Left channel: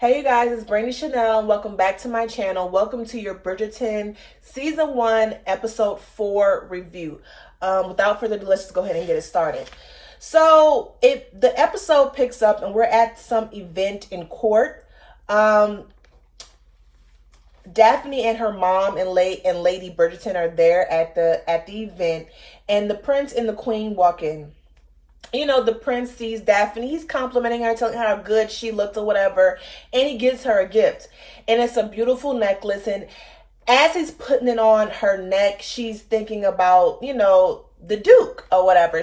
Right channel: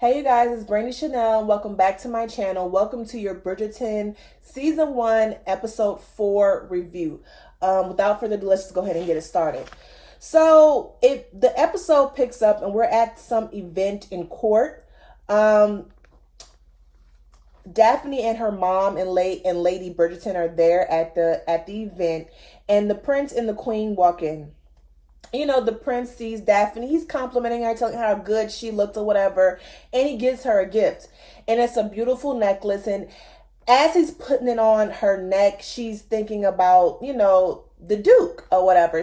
Hey you guys, it's Brandy Chanel. Welcome back to my channel. Welcome to your Bridgerton Season 1, Episode 4 review. Without further ado, let's just go ahead and get it started. So, the episode picks up and we're at some event in court. Daphne and her mom and Lady Bridgerton are there at the event, and the prince and the queen walk in. The prince sees Daphne. He's complimenting her, telling her how good she looked or whatever. And he gives her a gift. And it's a beautiful necklace. And as he's putting it on her neck, she's thinking about, the Duke or whatever.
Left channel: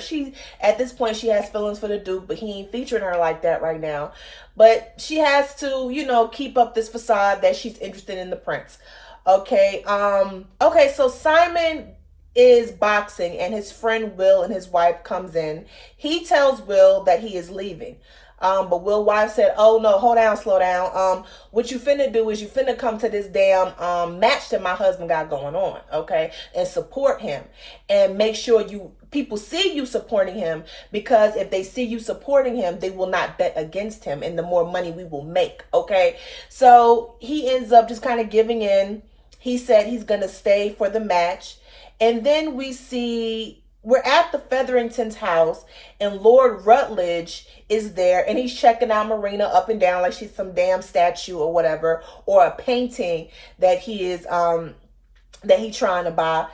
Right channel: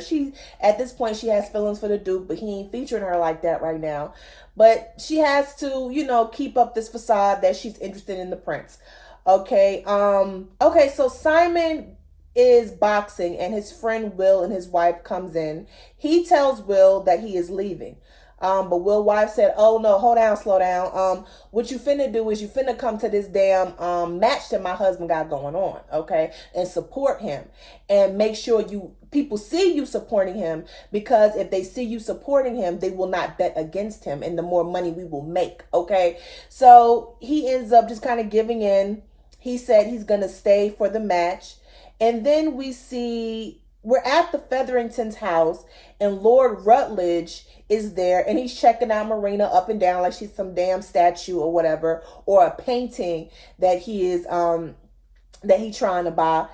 At this point, she has feelings for the Duke, but he ain't featuring her like that right now. But she has to, keep up this facade that she's interested in the prince. Okay. So Simon is boxing and his friend Will and his wife comes in. He tells Will that he is leaving. But Will's wife said, "Oh no, hold down, slow down. What you finna do is you finna come to this damn match that my husband got going on, okay? And support him. And make sure people see you supporting him, because if they see you supporting him, they will not bet against him, and the more money we will make, okay?" So he ends up just kind of giving in. He said he's gonna stay for the match. And then we're at the Featheringtons' house, and Lord Rutledge is there, and he's checking out Marina up and down like she's some damn statue or whatever, or a painting that he's trying to buy.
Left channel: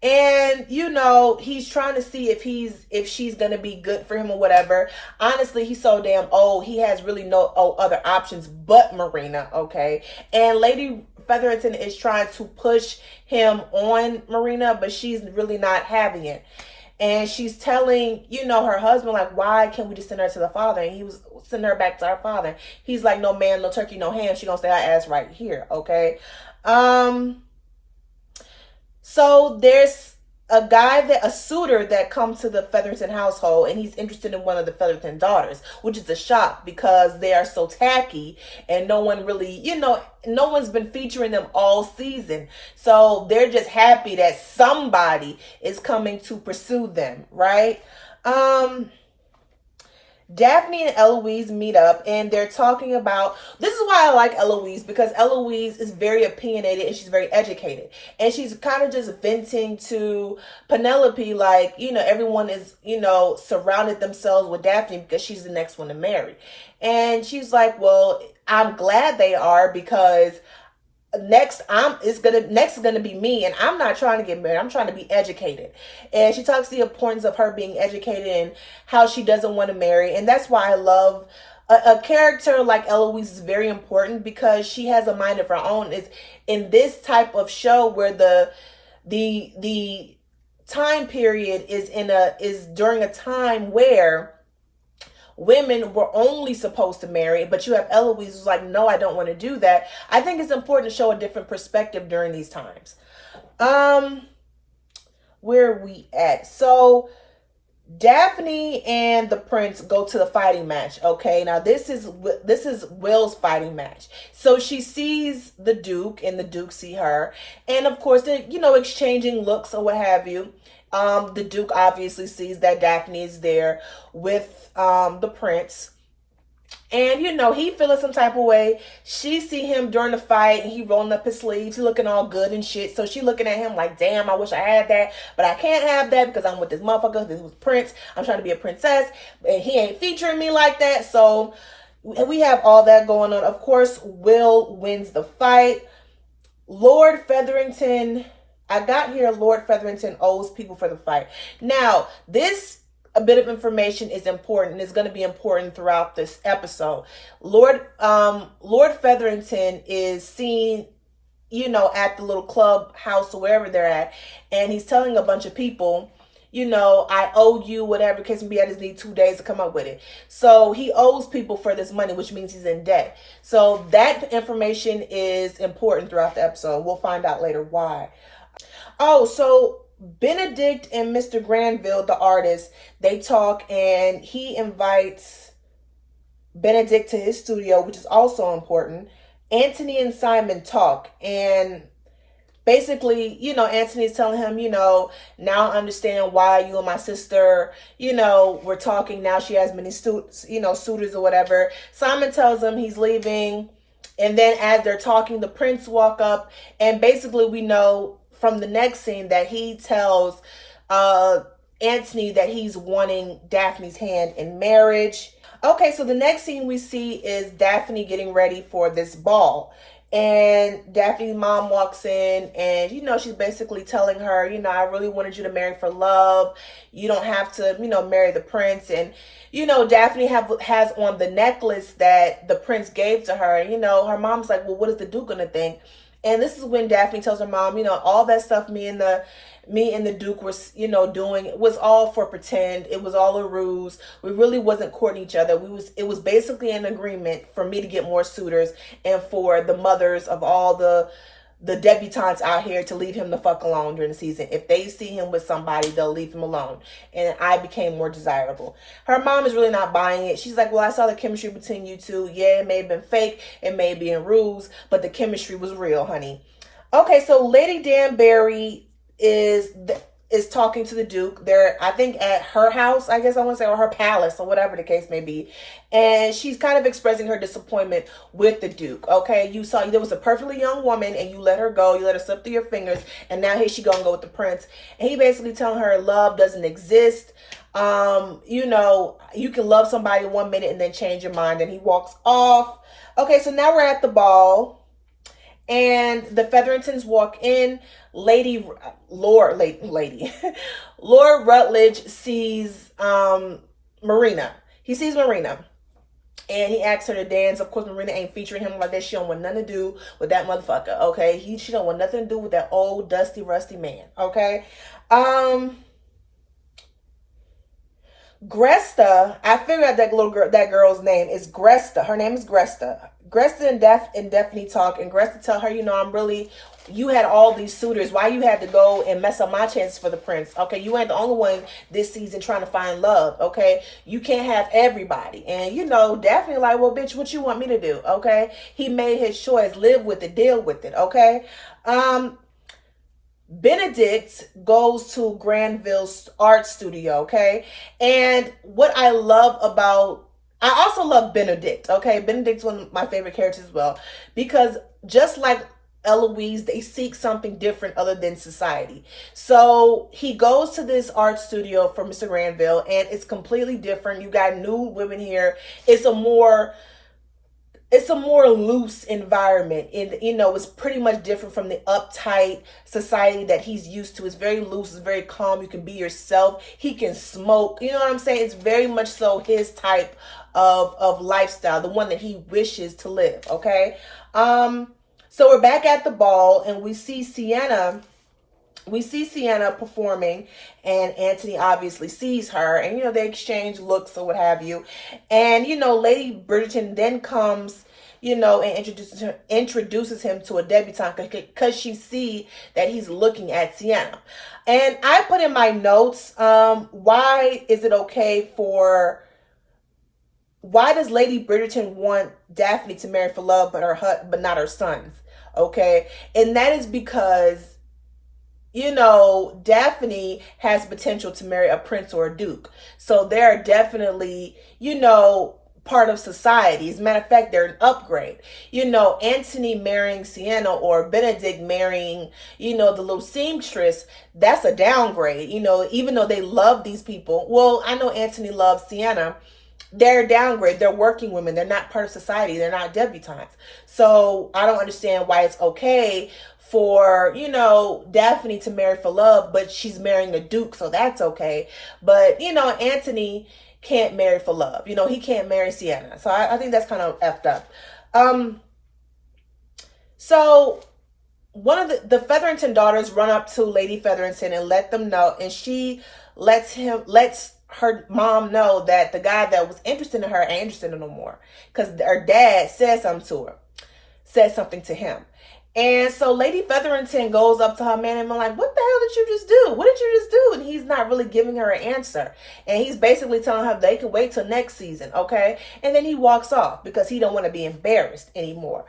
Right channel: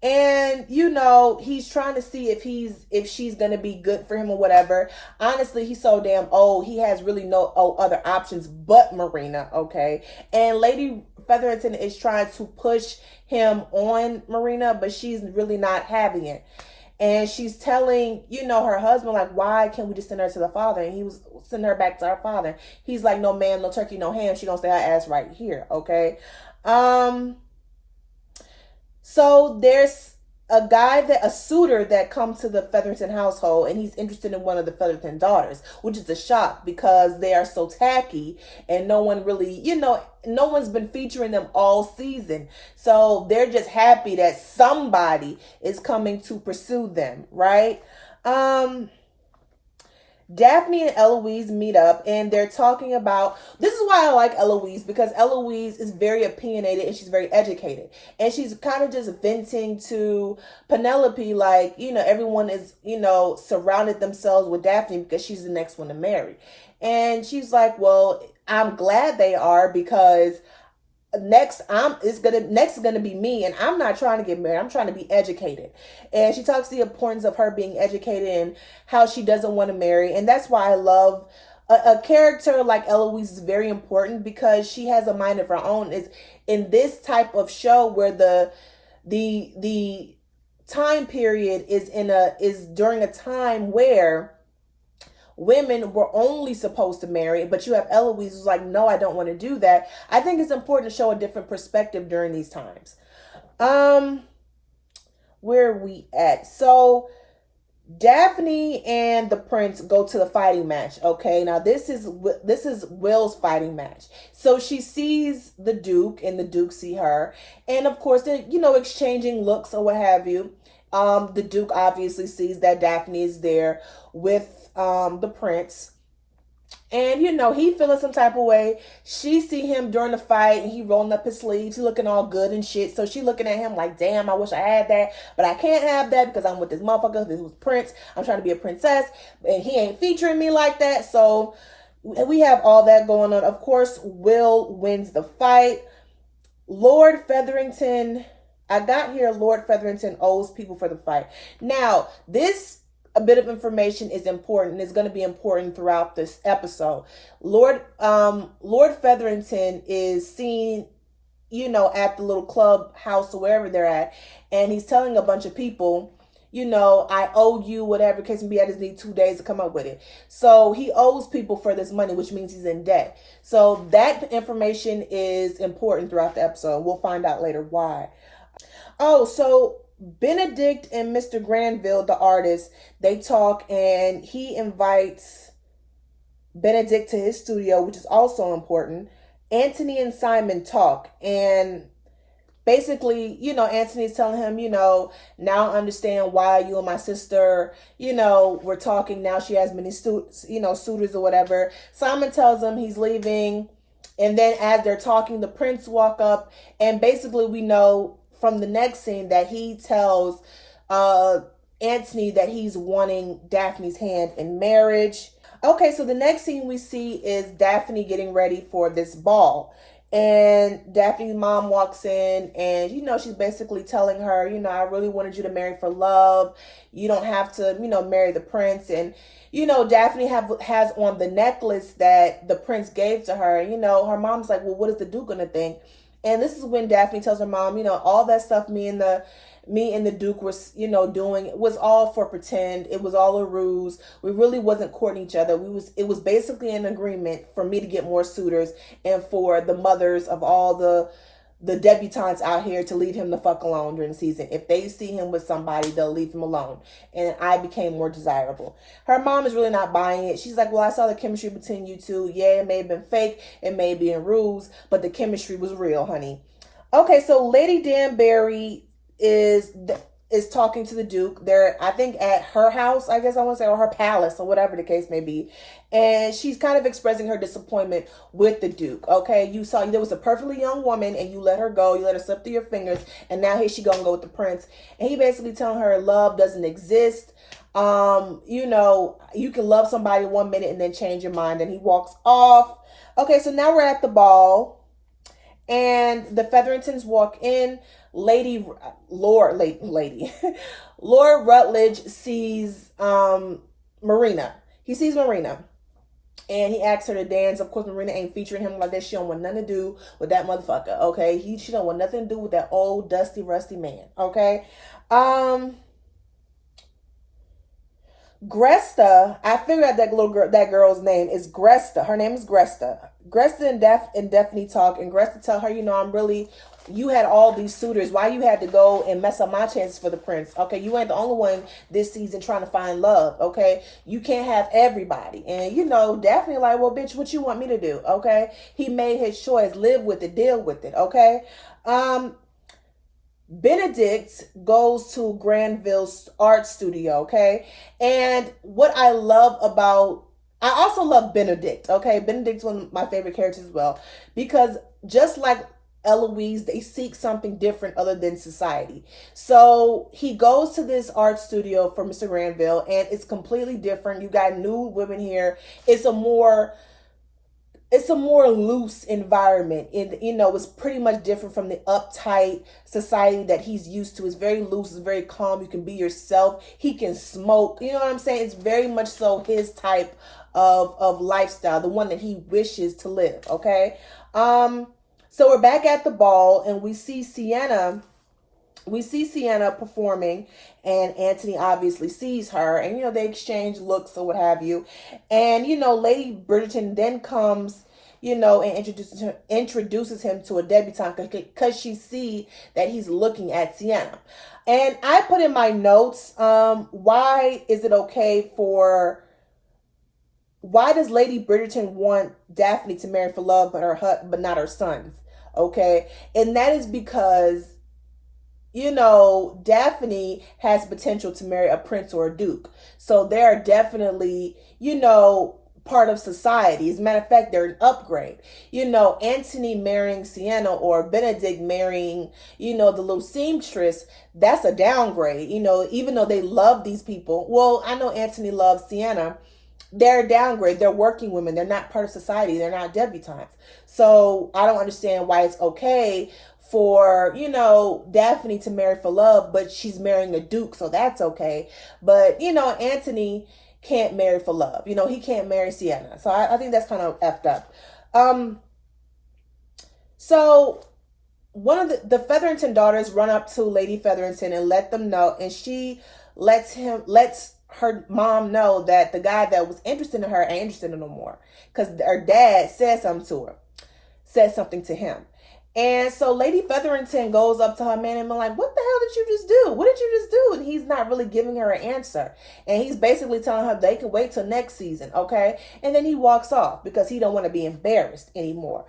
And he's trying to see if she's gonna be good for him or whatever. Honestly, he's so damn old, he has really no other options but Marina, okay? And Lady Featherington is trying to push him on Marina, but she's really not having it. And she's telling, her husband, like, why can't we just send her to the father? And he was sending her back to her father. He's like, no man, no turkey, no ham. She gonna stay her ass right here, okay? So there's a suitor that comes to the Featherington household, and he's interested in one of the Featherington daughters, which is a shock because they are so tacky and no one really, no one's been featuring them all season. So they're just happy that somebody is coming to pursue them, right? Daphne and Eloise meet up, and they're talking about, this is why I like Eloise, because Eloise is very opinionated and she's very educated, and she's kind of just venting to Penelope like, everyone is, surrounded themselves with Daphne because she's the next one to marry. And she's like, well, I'm glad they are, because next is gonna be me, and I'm not trying to get married. I'm trying to be educated. And she talks the importance of her being educated and how she doesn't want to marry. And that's why I love a character like Eloise is very important, because she has a mind of her own. Is in this type of show where the time period is during a time where women were only supposed to marry, but you have Eloise who's like, no, I don't want to do that. I think it's important to show a different perspective during these times. Where are we at? So Daphne and the prince go to the fighting match. Okay, now this is Will's fighting match. So she sees the Duke, and the Duke see her, and of course they're exchanging looks or what have you. The Duke obviously sees that Daphne is there with the prince, and he feeling some type of way. She see him during the fight, and he rolling up his sleeves, he looking all good and shit. So she looking at him like, damn, I wish I had that, but I can't have that because I'm with this motherfucker. This was Prince. I'm trying to be a princess, and he ain't featuring me like that. So we have all that going on. Of course, Will wins the fight. Lord Featherington, I got here, Lord Featherington owes people for the fight. Now, a bit of information is important. It's going to be important throughout this episode. Lord Featherington is seen, at the little club house or wherever they're at, and he's telling a bunch of people, I owe you whatever case may be. I just need 2 days to come up with it. So he owes people for this money, which means he's in debt. So that information is important throughout the episode. We'll find out later why. Oh, so Benedict and Mr. Granville, the artist, they talk, and he invites Benedict to his studio, which is also important. Anthony and Simon talk, and basically, Anthony's telling him, now I understand why you and my sister, we're talking. Now she has many suitors or whatever. Simon tells him he's leaving And then as they're talking, the prince walk up, and basically we know from the next scene that he tells uh Antony that he's wanting Daphne's hand in marriage. Okay, so the next scene we see is Daphne getting ready for this ball. And Daphne's mom walks in, and she's basically telling her, I really wanted you to marry for love. You don't have to, marry the prince. And Daphne has on the necklace that the prince gave to her. And her mom's like, well, what is the duke gonna think? And this is when Daphne tells her mom, all that stuff me and the Duke was, doing, it was all for pretend. It was all a ruse. We really wasn't courting each other. It was basically an agreement for me to get more suitors, and for the mothers of all the debutantes out here to leave him the fuck alone during the season. If they see him with somebody, they'll leave him alone. And I became more desirable. Her mom is really not buying it. She's like, well, I saw the chemistry between you two. Yeah, it may have been fake. It may be in ruse, but the chemistry was real, honey. Okay, so Lady Danbury is talking to the Duke. They're, I think, at her house, I guess I want to say, or her palace, or whatever the case may be. And she's kind of expressing her disappointment with the Duke. Okay, you saw there was a perfectly young woman, and you let her go. You let her slip through your fingers, and now here she gonna go with the prince. And he basically telling her love doesn't exist. You can love somebody 1 minute and then change your mind. And he walks off. Okay, so now we're at the ball, and the Featheringtons walk in. Lord Rutledge sees Marina. He sees Marina, and he asks her to dance. Of course, Marina ain't featuring him like that. She don't want nothing to do with that motherfucker. Okay, she don't want nothing to do with that old dusty rusty man. Okay, Gresta. I figured out that girl's name is Gresta. Her name is Gresta. Gresta and Daphne talk, and Gresta tell her, you had all these suitors. Why you had to go and mess up my chances for the prince? Okay, you ain't the only one this season trying to find love. Okay, you can't have everybody. And Daphne like, well, bitch, what you want me to do? Okay, he made his choice. Live with it. Deal with it. Okay. Benedict goes to Granville's art studio. Okay, and what I also love Benedict. Okay, Benedict's one of my favorite characters as well, because just like Eloise, they seek something different other than society. So he goes to this art studio for Mr. Granville, and it's completely different. You got new women here. It's a more loose environment. And it's pretty much different from the uptight society that he's used to. It's very loose, it's very calm. You can be yourself. He can smoke. You know what I'm saying? It's very much so his type of lifestyle, the one that he wishes to live. Okay. So we're back at the ball, and we see Sienna performing, and Antony obviously sees her, and they exchange looks or what have you. And Lady Bridgerton then comes, and introduces him to a debutante, because she see that he's looking at Sienna. And I put in my notes, why does Lady Bridgerton want Daphne to marry for love, but not her sons? Okay, and that is because Daphne has potential to marry a prince or a duke. So they're definitely, part of society. As a matter of fact, they're an upgrade. Antony marrying Sienna, or Benedict marrying, the little seamstress, that's a downgrade. Even though they love these people. Well, I know Antony loves Sienna. They're a downgrade. They're working women. They're not part of society. They're not debutantes. So I don't understand why it's okay for, Daphne to marry for love, but she's marrying a duke, so that's okay. But, Antony can't marry for love. He can't marry Sienna. So I think that's kind of effed up. So one of the Featherington daughters run up to Lady Featherington and let them know, and she lets her mom know that the guy that was interested in her ain't interested in her no more, because her dad said something to him. And so Lady Featherington goes up to her man and be like, what the hell did you just do? What did you just do? And he's not really giving her an answer. And he's basically telling her they can wait till next season, okay? And then he walks off because he don't want to be embarrassed anymore.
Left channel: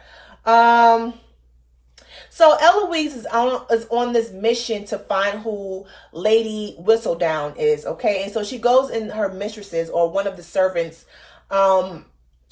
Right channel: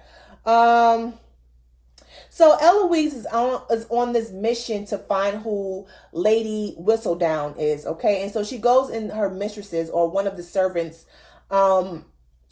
So Eloise is on this mission to find who Lady Whistledown is, okay? And so she goes in her mistress's, or one of the servants'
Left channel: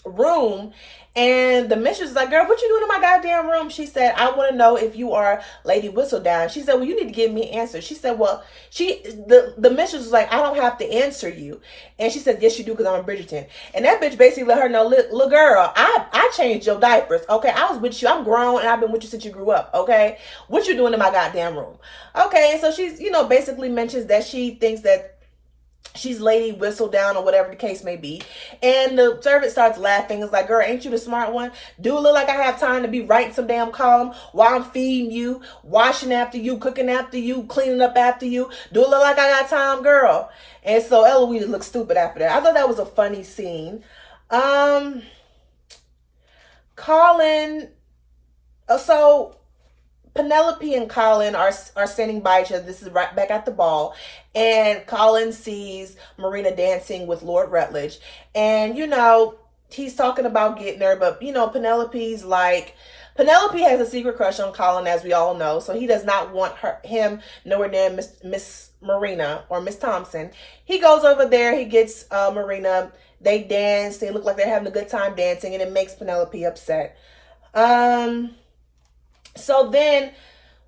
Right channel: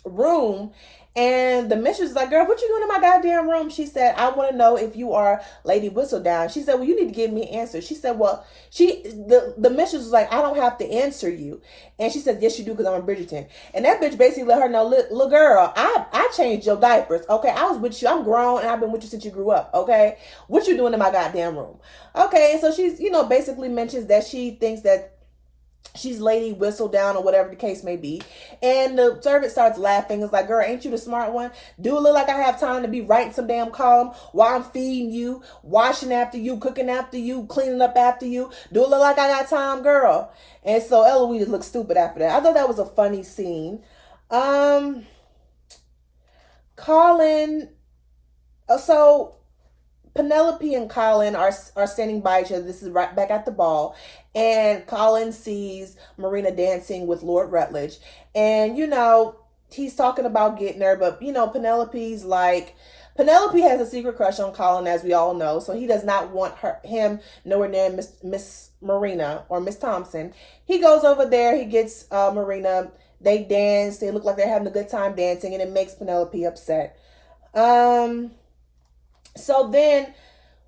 room, And the mistress is like, girl, what you doing in my goddamn room? She said, I want to know if you are Lady Whistledown. She said, well, you need to give me an answer. She said, well, the mistress was like, I don't have to answer you. And she said, yes, you do, because I'm a Bridgerton. And that bitch basically let her know, little girl, I changed your diapers. Okay, I was with you. I'm grown, and I've been with you since you grew up. Okay, what you doing in my goddamn room? Okay, and so she's, basically mentions that she thinks that she's Lady Whistledown or whatever the case may be. And the servant starts laughing. It's like, girl, ain't you the smart one? Do it look like I have time to be writing some damn column while I'm feeding you, washing after you, cooking after you, cleaning up after you? Do it look like I got time, girl? And so Eloise looked stupid after that. I thought that was a funny scene. Colin, so Penelope and Colin are standing by each other. This is right back at the ball. And Colin sees Marina dancing with Lord Rutledge. And, he's talking about getting her. But, Penelope has a secret crush on Colin, as we all know. So he does not want him nowhere near Miss Marina or Miss Thompson. He goes over there. He gets Marina. They dance. They look like they're having a good time dancing. And it makes Penelope upset. So then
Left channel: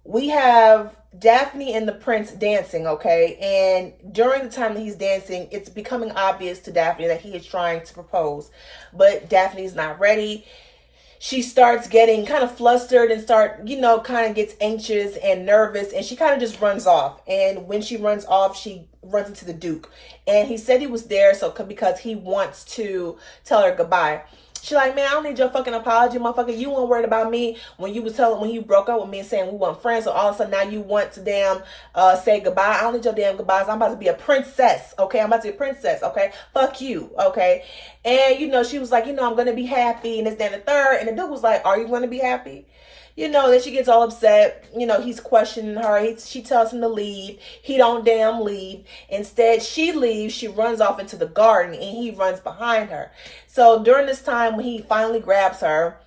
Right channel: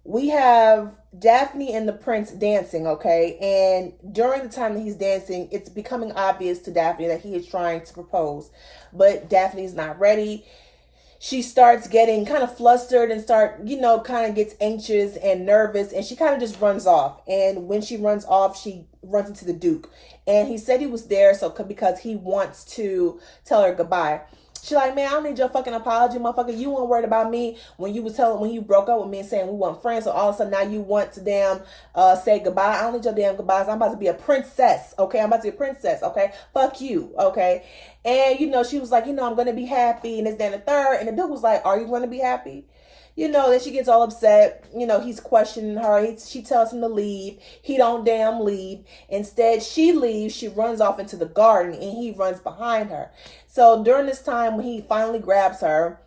we have Daphne and the prince dancing, okay? And during the time that he's dancing, it's becoming obvious to Daphne that he is trying to propose. But Daphne's not ready. She starts getting kind of flustered and kind of gets anxious and nervous. And she kind of just runs off. And when she runs off, she runs into the Duke. And he said he was there because he wants to tell her goodbye. She's like, man, I don't need your fucking apology, motherfucker. You weren't worried about me when you broke up with me and saying we weren't friends. So all of a sudden now you want to say goodbye. I don't need your damn goodbyes. I'm about to be a princess, okay? I'm about to be a princess, okay? Fuck you, okay? And, she was like, I'm going to be happy and this, that, and the third. And the dude was like, are you going to be happy? Then she gets all upset. He's questioning her. She tells him to leave. He don't damn leave. Instead, she leaves. She runs off into the garden and he runs behind her. So during this time when he finally grabs her,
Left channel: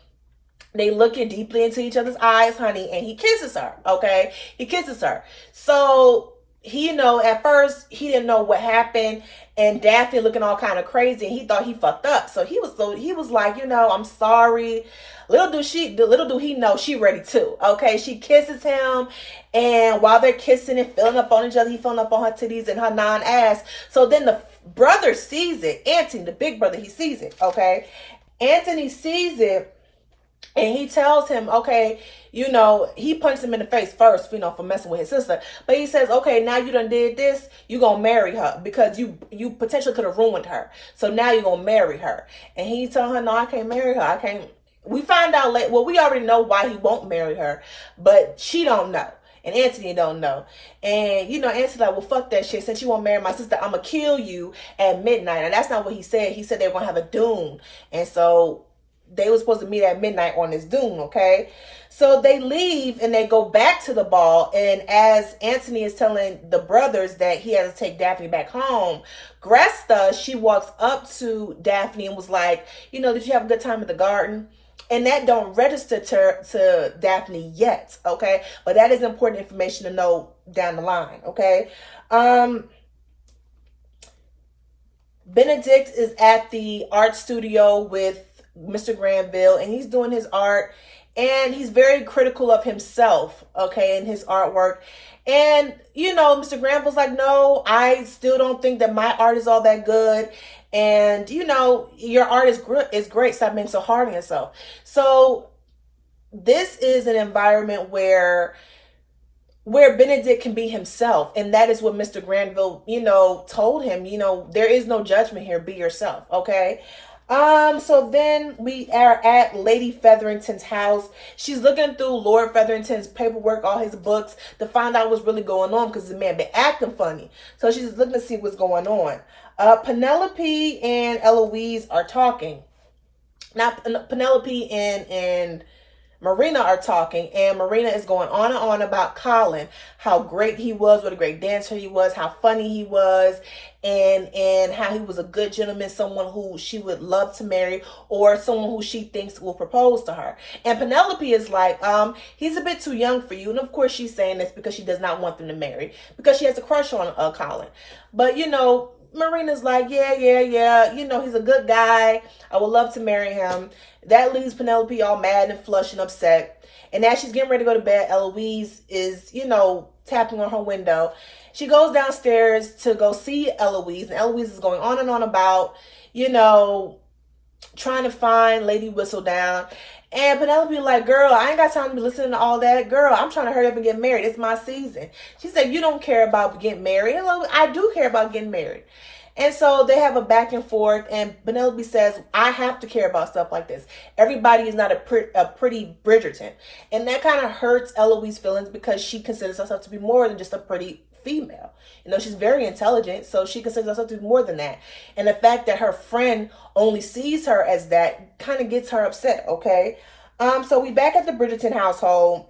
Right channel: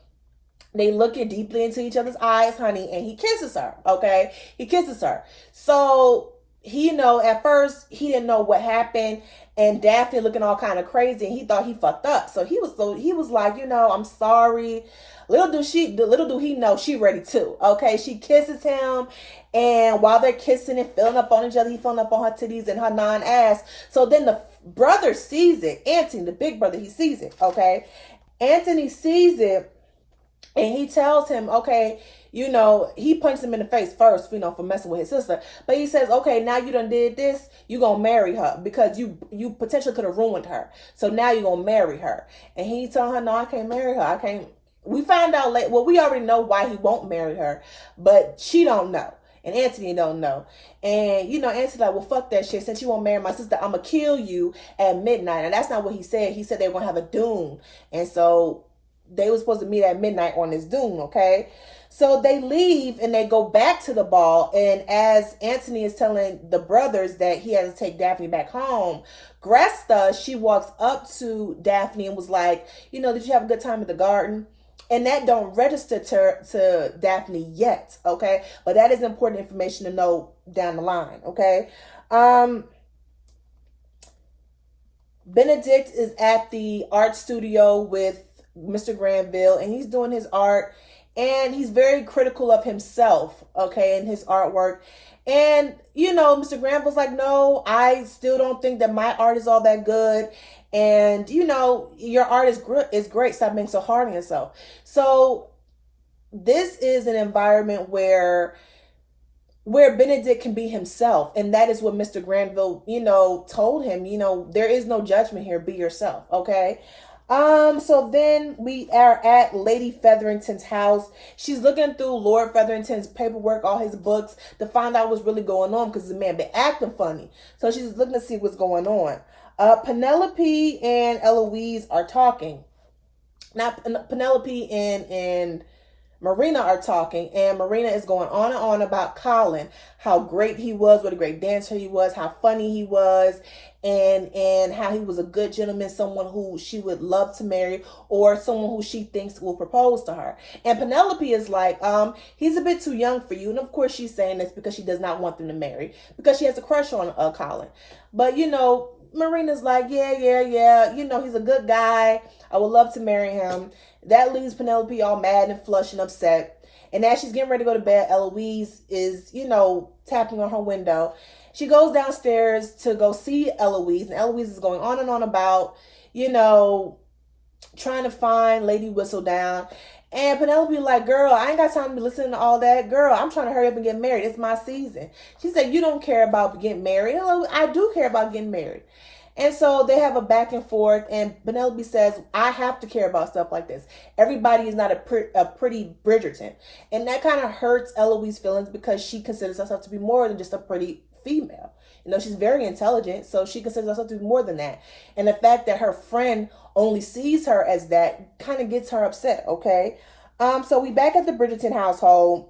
they look deeply into each other's eyes, honey, and he kisses her, okay? He kisses her. So he, at first he didn't know what happened, and Daphne looking all kind of crazy, and he thought he fucked up. So he was like, I'm sorry. Little do he know she ready too. Okay, she kisses him, and while they're kissing and filling up on each other, he filling up on her titties and her non-ass. So then the brother sees it. Anthony, the big brother, he sees it. Okay, Anthony sees it, and he tells him, okay, he punched him in the face first, for messing with his sister. But he says, okay, now you done did this, you gonna marry her because you potentially could have ruined her. So now you gonna marry her. And he told her, no, I can't marry her. I can't. We find out later. Well, we already know why he won't marry her, but she don't know. And Anthony don't know. And, Anthony's like, well, fuck that shit. Since you won't marry my sister, I'm going to kill you at midnight. And that's not what he said. He said they were going to have a dune. And so they were supposed to meet at midnight on this dune, okay? So they leave and they go back to the ball. And as Anthony is telling the brothers that he has to take Daphne back home, Gresta, she walks up to Daphne and was like, did you have a good time at the garden? And that don't register to Daphne yet, okay? But that is important information to know down the line, okay? Benedict is at the art studio with Mr. Granville, and he's doing his art, and he's very critical of himself, okay, in his artwork. And, Mr. Granville's like, no, I still don't think that my art is all that good. And, your art is great. Stop being so hard on yourself. So this is an environment where Benedict can be himself. And that is what Mr. Granville, told him, there is no judgment here. Be yourself. Okay. So then we are at Lady Featherington's house. She's looking through Lord Featherington's paperwork, all his books, to find out what's really going on, because the man been acting funny. So she's looking to see what's going on. Penelope and Eloise are talking. Now, Penelope and Marina are talking, and Marina is going on and on about Colin, how great he was, what a great dancer he was, how funny he was, and how he was a good gentleman, someone who she would love to marry, or someone who she thinks will propose to her. And Penelope is like, he's a bit too young for you. And of course she's saying this because she does not want them to marry, because she has a crush on Colin. But Marina's like, yeah. He's a good guy. I would love to marry him. That leaves Penelope all mad and flushed and upset. And as she's getting ready to go to bed, Eloise is, tapping on her window. She goes downstairs to go see Eloise, and Eloise is going on and on about, trying to find Lady Whistledown. And Penelope like, girl, I ain't got time to be listening to all that. Girl, I'm trying to hurry up and get married. It's my season. She said, you don't care about getting married. I do care about getting married. And so they have a back and forth, and Penelope says, I have to care about stuff like this. Everybody is not a pretty Bridgerton. And that kind of hurts Eloise's feelings because she considers herself to be more than just a pretty female. She's very intelligent, so she considers herself to be more than that. And the fact that her friend only sees her as that kind of gets her upset, okay? So we back at the Bridgerton household.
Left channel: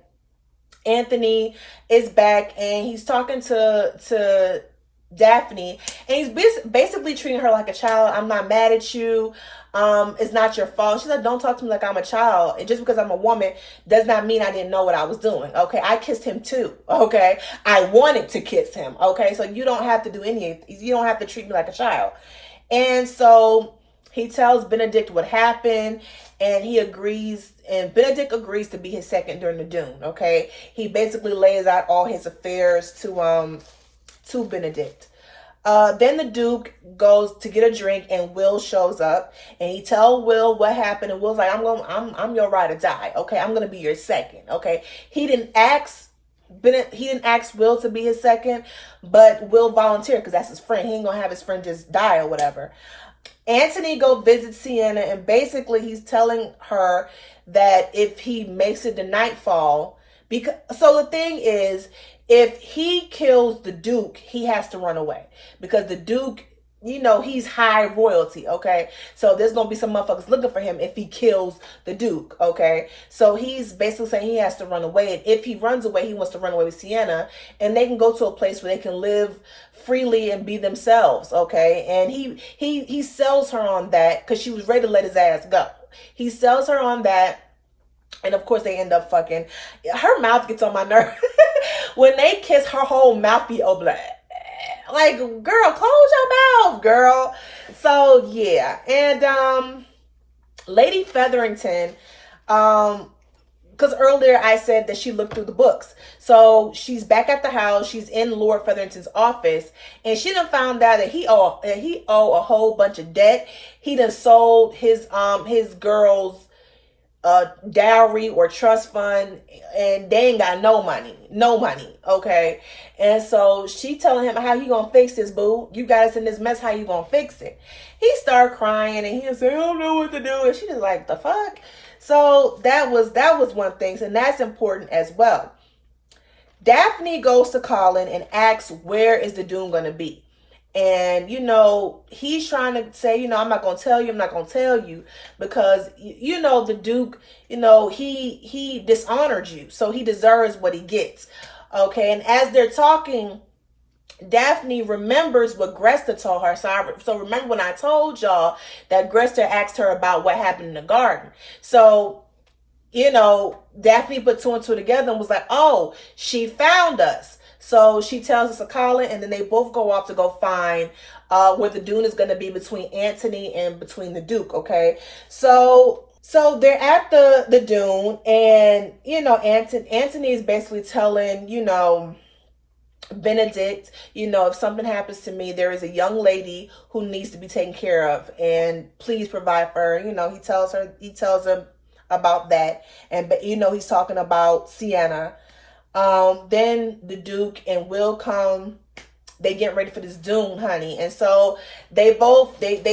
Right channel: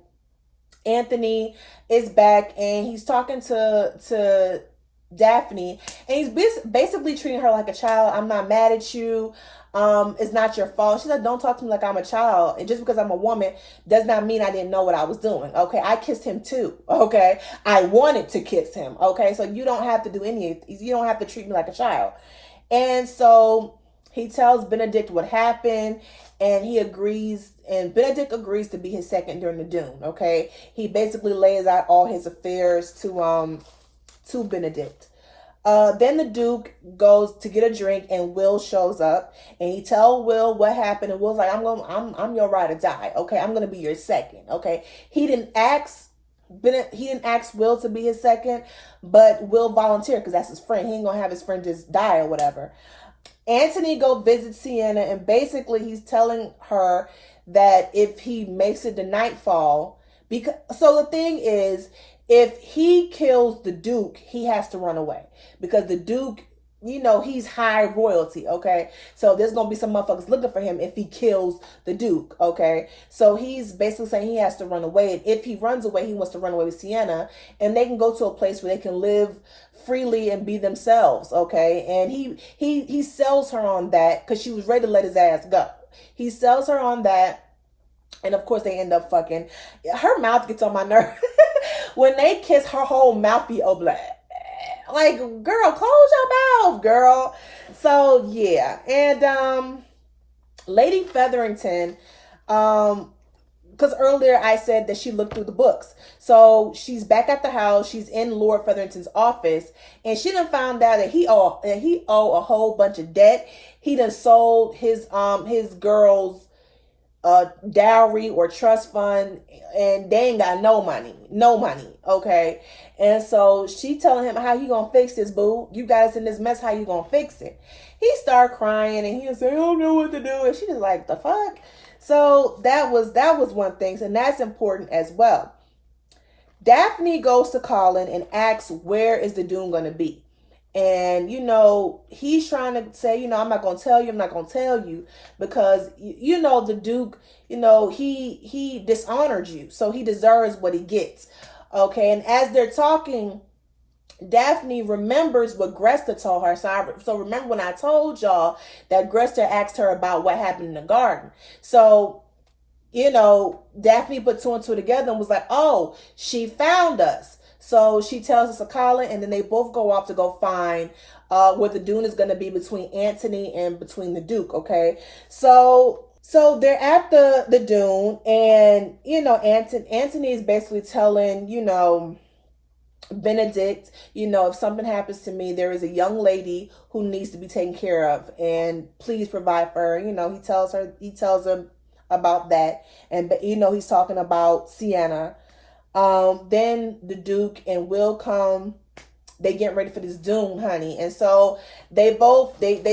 Anthony is back, and he's talking to Daphne, and he's basically treating her like a child. I'm not mad at you. It's not your fault. She said, don't talk to me like I'm a child. And just because I'm a woman does not mean I didn't know what I was doing. Okay. I kissed him too. Okay. I wanted to kiss him. Okay. So you don't have to do you don't have to treat me like a child. And so he tells Benedict what happened, and he agrees, and Benedict agrees to be his second during the Dune. Okay. He basically lays out all his affairs to Benedict. Then the Duke goes to get a drink, and Will shows up, and he tells Will what happened, and Will's like, I'm your ride or die. Okay, I'm gonna be your second. Okay, he didn't ask Will to be his second, but Will volunteered because that's his friend. He ain't gonna have his friend just die or whatever. Anthony go visit Sienna, and basically he's telling her that if he makes it to nightfall, so the thing is, if he kills the Duke, he has to run away because the Duke, he's high royalty, okay? So there's going to be some motherfuckers looking for him if he kills the Duke, okay? So he's basically saying he has to run away. And if he runs away, he wants to run away with Sienna, and they can go to a place where they can live freely and be themselves, okay? And he sells her on that because she was ready to let his ass go. He sells her on that. And of course they end up fucking. Her mouth gets on my nerve. When they kiss, her whole mouth be open. Like, girl, close your mouth, girl. So yeah. And Lady Featherington, because earlier I said that she looked through the books. So she's back at the house. She's in Lord Featherington's office, and she done found out that he owe a whole bunch of debt. He done sold his girl's dowry or trust fund, and they ain't got no money, okay? And so she telling him, how you gonna fix this, boo? You got us in this mess, how you gonna fix it? He started crying, and he was saying, I don't know what to do, and she just like, the fuck? So that was one thing, and that's important as well. Daphne goes to Colin and asks, where is the Doom gonna be? And, he's trying to say, I'm not going to tell you because, the Duke, he dishonored you. So he deserves what he gets. Okay. And as they're talking, Daphne remembers what Gresta told her. So remember when I told y'all that Gresta asked her about what happened in the garden. So, Daphne put two and two together and was like, oh, she found us. So she tells us to Colin, and then they both go off to go find where the Dune is going to be between Anthony and between the Duke, okay? So they're at the Dune, and, Anthony is basically telling, Benedict, if something happens to me, there is a young lady who needs to be taken care of, and please provide for her. He tells him about that, and, he's talking about Sienna. Then the Duke and Will come. They get ready for this Dune, honey. And so they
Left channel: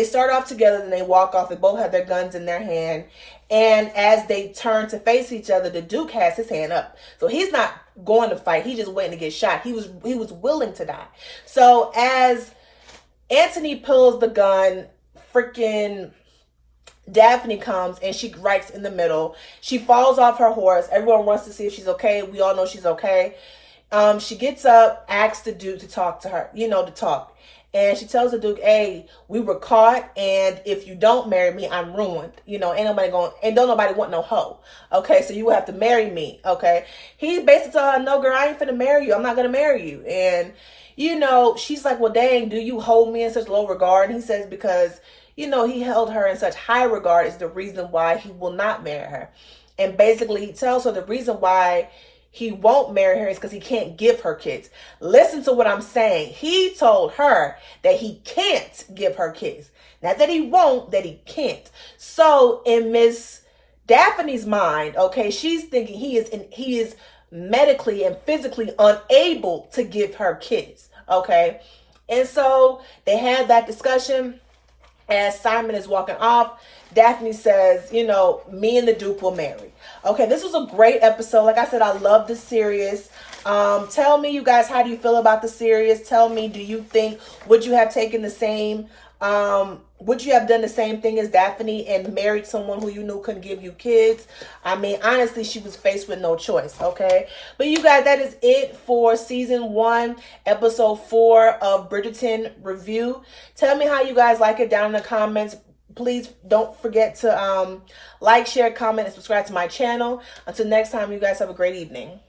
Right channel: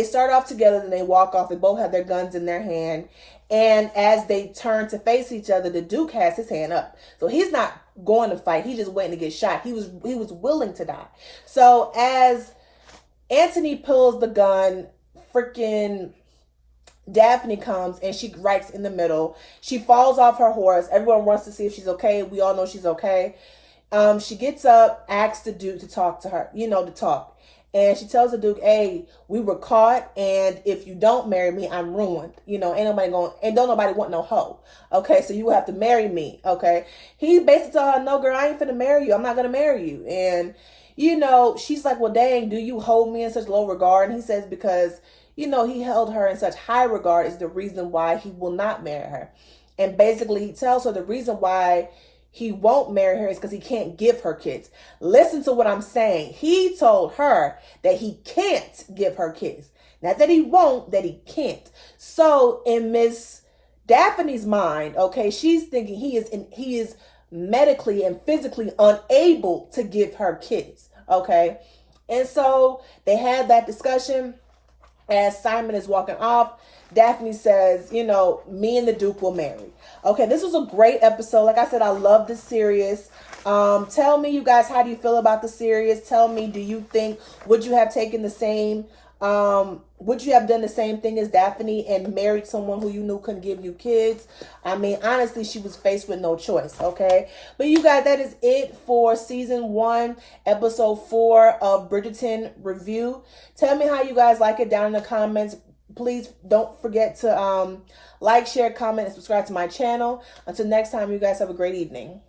start off together, and they walk off. They both have their guns in their hand. And as they turn to face each other, the Duke has his hand up. So he's not going to fight. He's just waiting to get shot. He was willing to die. So as Anthony pulls the gun, freaking Daphne comes, and she writes in the middle. She falls off her horse. Everyone wants to see if she's okay. We all know she's okay. She gets up, asks the Duke to talk to her, to talk. And she tells the Duke, hey, we were caught, and if you don't marry me, I'm ruined. Ain't don't nobody want no hoe. Okay, so you will have to marry me. Okay. He basically told her, no, girl, I ain't finna marry you. I'm not gonna marry you. And, she's like, well, dang, do you hold me in such low regard? And he says, because, he held her in such high regard is the reason why he will not marry her. And basically, he tells her the reason why he won't marry her is because he can't give her kids. Listen to what I'm saying. He told her that he can't give her kids. Not that he won't, that he can't. So in Miss Daphne's mind, okay, she's thinking he is medically and physically unable to give her kids. Okay. And so they had that discussion. As Simon is walking off, Daphne says, me and the Duke will marry. Okay, this was a great episode. Like I said, I love the series. Tell me, you guys, how do you feel about the series? Tell me, do you think, would you have taken the same, would you have done the same thing as Daphne and married someone who you knew couldn't give you kids? I mean, honestly, she was faced with no choice, okay? But you guys, that is it for season 1, episode 4 of Bridgerton review. Tell me how you guys like it down in the comments. Please don't forget to like, share, comment, and subscribe to my channel. Until next time, you guys have a great evening.